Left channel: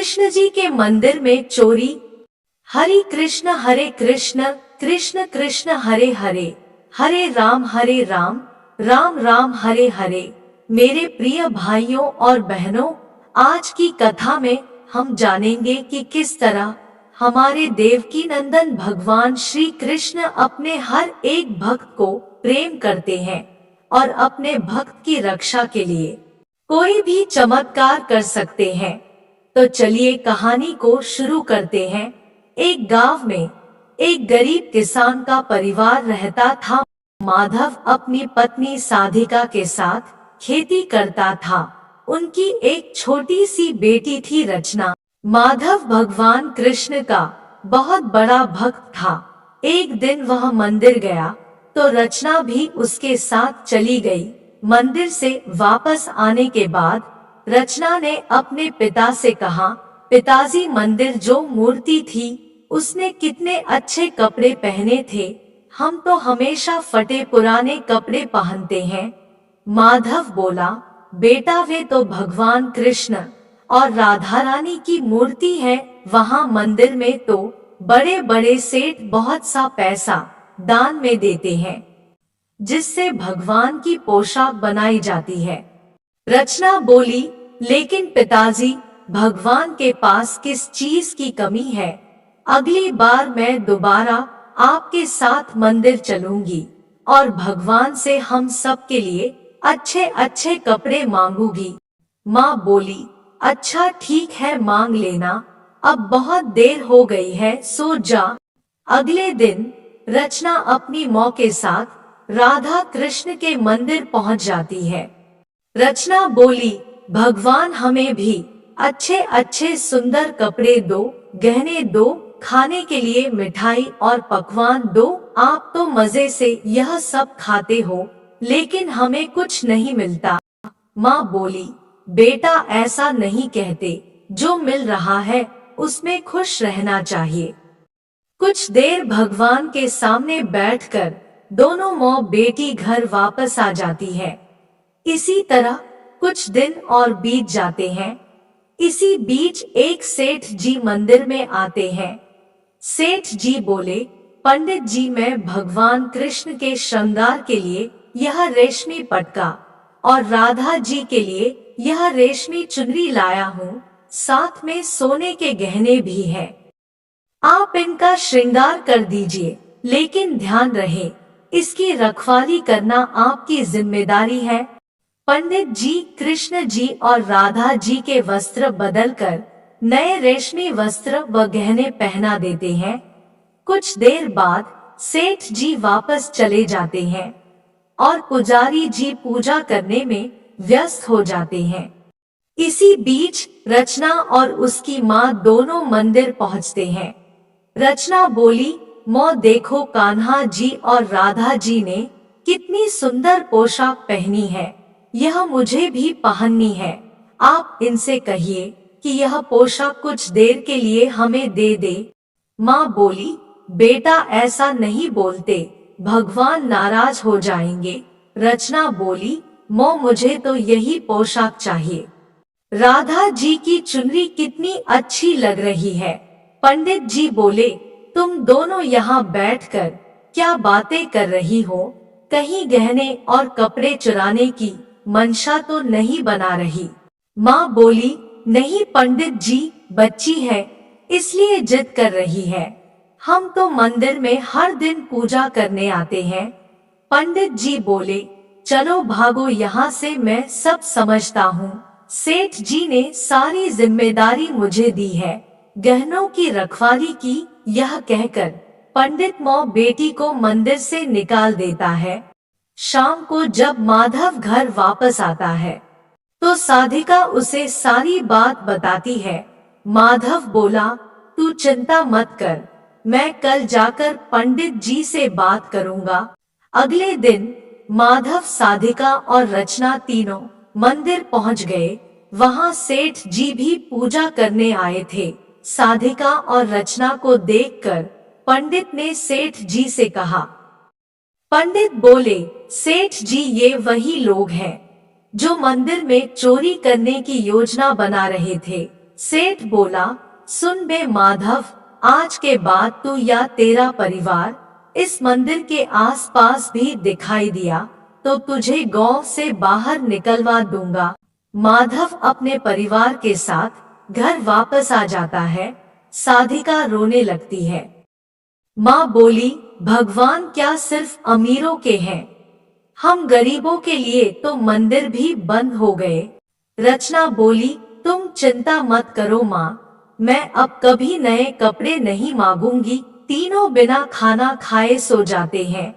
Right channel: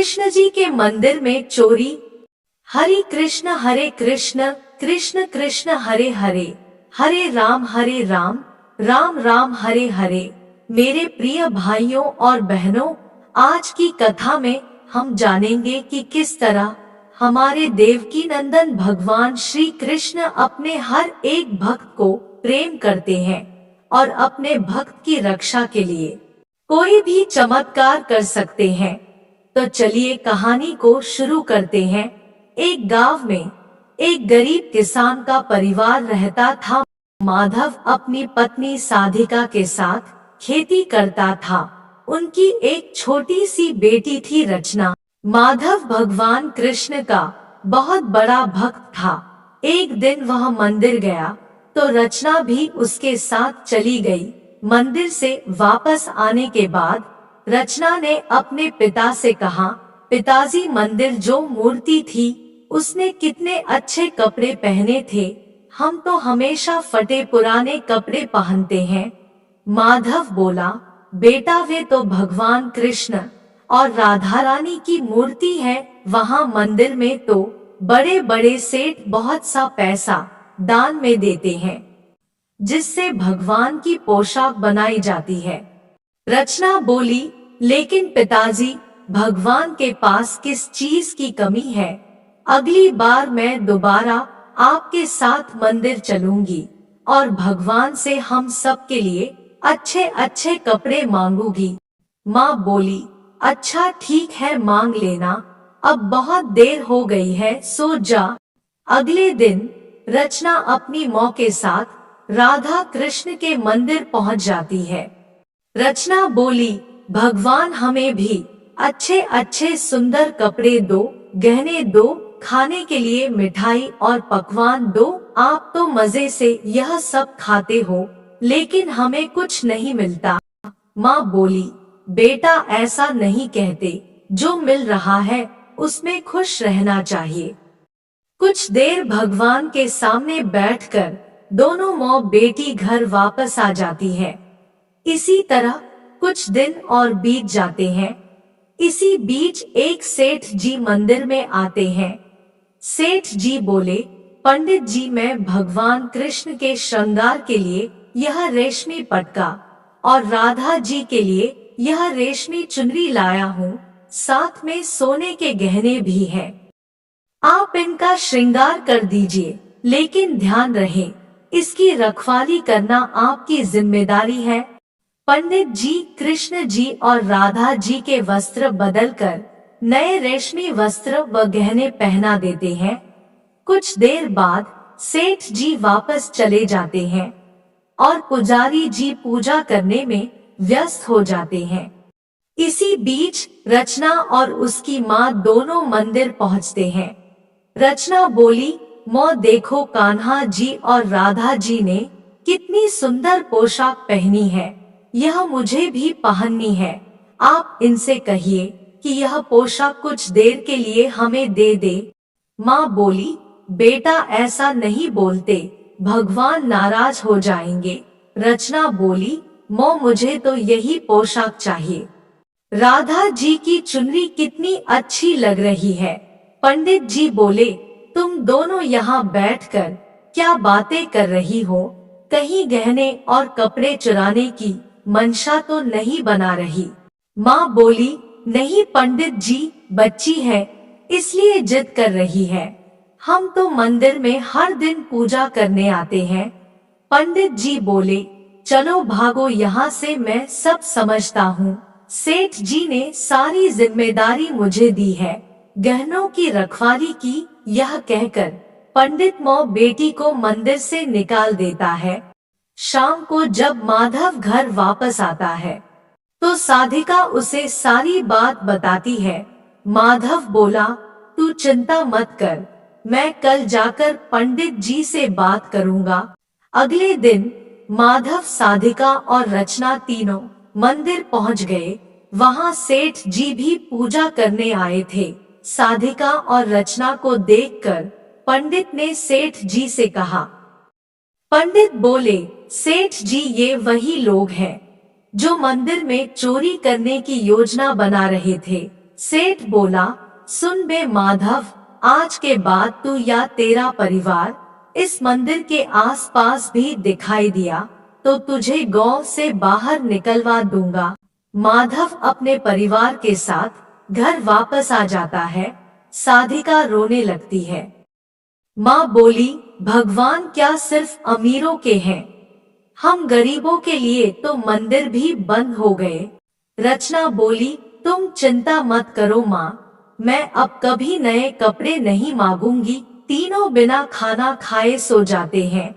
कृष्ण जी के मंदिर में चोरी। हरे कृष्ण कृष्ण कृष्ण हरे हरे, हरे राम राम राम हरे हरे। मेरे प्रिय भाइयों और बहनों, आज की कथा में हम जानेंगे कि किस तरह हमारे देवकी नंदन भगवान श्री कृष्ण अपने हर एक भक्त को प्रेम करते हैं और अपने भक्त की रक्षा के लिए कोई भी चमत्कार कर सकते हैं। तो चलिए कहानी को शुरू करते हैं। एक गांव में एक गरीब किसान का परिवार रहता था। माधव अपनी पत्नी साधिका के साथ खेती करता था। उनकी एक छोटी सी बेटी थी रचना। माधव भगवान कृष्ण का बहुत बड़ा भक्त था। एक दिन वह मंदिर गया तो रचना भी उसके साथ चली गई। मंदिर से वापस आने के बाद रचना ने अपने पिता से कहा, पिताजी, मंदिर जो मूर्ति थी उसने कितने अच्छे कपड़े पहने थे, हम तो हमेशा फटे पुराने कपड़े पहनते हैं। माधव बोला, बेटा, वे तो भगवान कृष्ण और राधा रानी की मूर्ति है। वहाँ मंदिर में तो बड़े बड़े सेठ बहुत सा पैसा दान में देते हैं, जिससे भगवान की पोशाक बनाई जाती है। रचना बोली, लेकिन पिताजी, भगवान के पास किस चीज की कमी है? अगली बार मैं दोबारा आपके साथ मंदिर चलूंगी और भगवान से हम सब के लिए अच्छे अच्छे कपड़े मांगूंगी। माँ बोली, अच्छा ठीक है, मांग लेना, अब बहुत देर हो गई है, सो जा। अगले दिन रचना अपनी माँ के साथ राधा कृष्ण के मंदिर पहुँच जाती है। रचना बोली, भगवान, हमें भी अच्छे अच्छे सुंदर कपड़े दो, गहने दो, खाने के लिए मिठाई और पकवान दो। आप तो मजे से यह सब खाते हो, लेकिन हमें कुछ नहीं मिलता। माँ बोली, बेटा, ऐसा नहीं कहते, जो मिल रहा है उसमें खुश रहना चाहिए। कुछ देर भगवान के सामने बैठकर दोनों माँ बेटी घर वापस आ जाती है। इसी तरह कुछ दिन और बीत जाते हैं। इसी बीच एक सेठ जी मंदिर में आते हैं। सेठ जी बोले, पंडित जी, मैं भगवान कृष्ण के श्रृंगार के लिए यह रेशमी पटका और राधा जी के लिए यह रेशमी चुनरी लाया हूँ, साथ में सोने के गहने भी हैं। आप इनका श्रृंगार कर दीजिए, लेकिन ध्यान रहे, इसकी रखवाली करना आपकी जिम्मेदारी है। पंडित जी कृष्ण जी और राधा जी के वस्त्र बदलकर नए रेशमी वस्त्र व गहने पहना देते हैं। कुछ देर बाद सेठ जी वापस चले जाते हैं और पुजारी जी पूजा करने में व्यस्त हो जाते हैं। इसी बीच रचना और उसकी माँ दोनों मंदिर पहुँचते हैं। रचना बोली, माँ देखो, कान्हा जी और राधा जी ने कितनी सुंदर पोशाक पहनी है, यह मुझे भी पहननी है। आप इनसे कहिए कि यह पोशाक कुछ देर के लिए हमें दे दे। माँ बोली, बेटा, ऐसा नहीं बोलते, भगवान नाराज हो जाएंगे। रचना बोली, माँ, मुझे तो यही पोशाक चाहिए। राधा जी की चुनरी कितनी अच्छी लग रही है। पंडित जी बोले, तुम दोनों यहाँ बैठकर क्या बातें कर रही हो? कहीं गहने और कपड़े चुराने की मंशा तो नहीं बना रही? माँ बोली, नहीं पंडित जी, बच्ची है इसलिए जिद कर रही है। हम तो मंदिर में हर दिन पूजा करने आते हैं। पंडित जी बोले, चलो भागो यहाँ से, मैं सब समझता हूँ। सेठ जी ने सारी जिम्मेदारी मुझे दी है, गहनों की रखवाली की। यह कहकर पंडित माँ बेटी को मंदिर से निकाल देता है। शाम को जब माधव घर वापस आता है तो साधिका उसे सारी बात बताती है। माधव बोला, तू चिंता मत कर, मैं कल जाकर पंडित जी से बात करूंगा। अगले दिन माधव, साधिका और रचना तीनों मंदिर पहुंच गए। वहां सेठ जी भी पूजा करने आए थे। साधिका और रचना को देखकर पंडित ने सेठ जी से कहा। पंडित बोले, सेठ जी, ये वही लोग हैं जो मंदिर में चोरी करने की योजना बना रहे थे। सेठ बोला, सुन बे माधव, आज के बाद तू या तेरा परिवार इस मंदिर के आसपास भी दिखाई दिया तो तुझे गांव से बाहर निकलवा दूंगा। माधव अपने परिवार के साथ घर वापस आ जाता है। साधिका रोने लगती है। माँ बोली, भगवान क्या सिर्फ अमीरों के हैं? हम गरीबों के लिए तो मंदिर भी बंद हो गए। रचना बोली, तुम चिंता मत करो माँ, मैं अब कभी नए कपड़े नहीं मांगूंगी। तीनों बिना खाना खाए सो जाते हैं।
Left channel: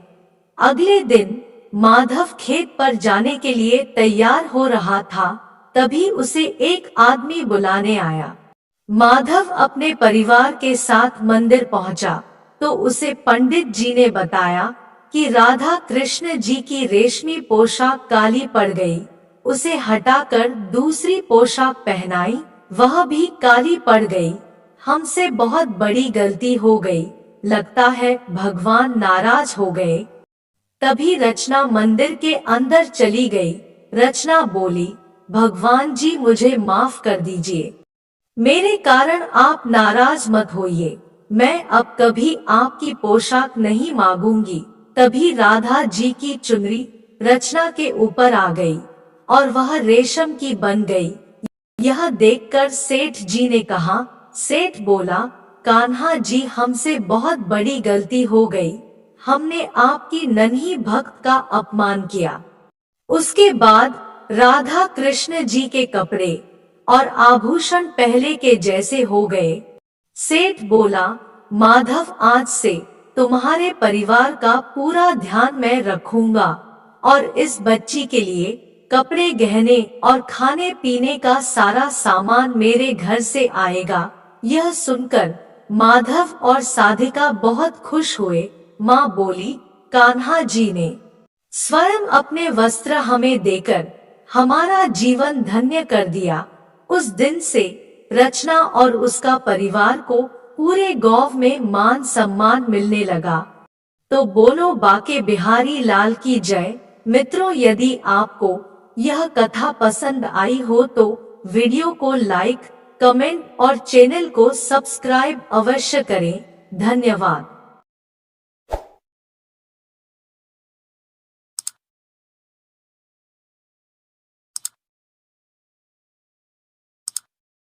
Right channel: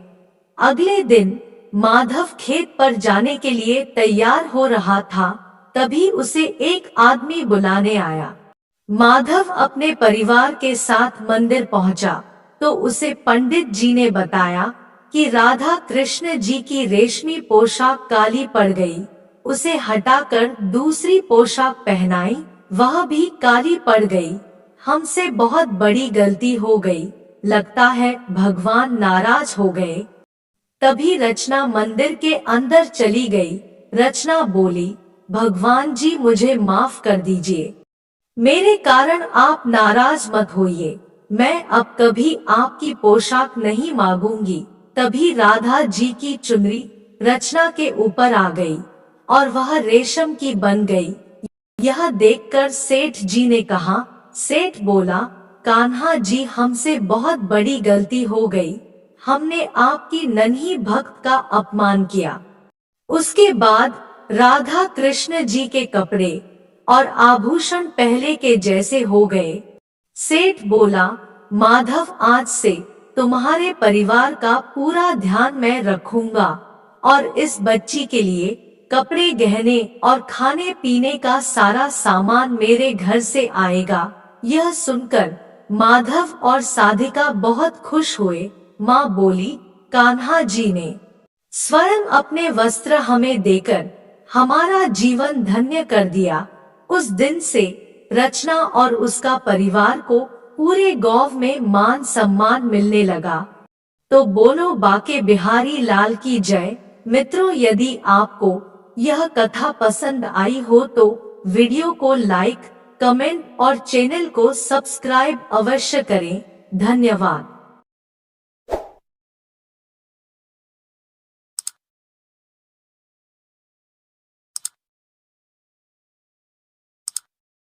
अगले दिन माधव खेत पर जाने के लिए तैयार हो रहा था, तभी उसे एक आदमी बुलाने आया। माधव अपने परिवार के साथ मंदिर पहुंचा तो उसे पंडित जी ने बताया कि राधा कृष्ण जी की रेशमी पोशाक काली पड़ गई। उसे हटाकर दूसरी पोशाक पहनाई, वह भी काली पड़ गई। हमसे बहुत बड़ी गलती हो गई, लगता है भगवान नाराज हो गए। तभी रचना मंदिर के अंदर चली गई। रचना बोली, भगवान जी मुझे माफ कर दीजिए, मेरे कारण आप नाराज मत होइए, मैं अब कभी आपकी पोशाक नहीं मांगूंगी। तभी राधा जी की चुनरी रचना के ऊपर आ गई और वह रेशम की बन गई। यह देखकर सेठ जी ने कहा, सेठ बोला, कान्हा जी हमसे बहुत बड़ी गलती हो गई, हमने आपकी नन्ही भक्त का अपमान किया। उसके बाद राधा कृष्ण जी के कपड़े और आभूषण पहले के जैसे हो गए। सेठ बोला, माधव आज से तुम्हारे परिवार का पूरा ध्यान मैं रखूंगा और इस बच्ची के लिए कपड़े, गहने और खाने पीने का सारा सामान मेरे घर से आएगा। यह सुनकर माधव और साधिका बहुत खुश हुए। माँ बोली, कान्हा जी ने स्वयं अपने वस्त्र हमें देकर हमारा जीवन धन्य कर दिया। उस दिन से रचना और उसका परिवार को पूरे गांव में मान सम्मान मिलने लगा। तो बोलो बाके बिहारी लाल की जय। मित्रों, यदि आपको यह कथा पसंद आई हो तो वीडियो को लाइक, कमेंट और चैनल को सब्सक्राइब अवश्य करें। धन्यवाद।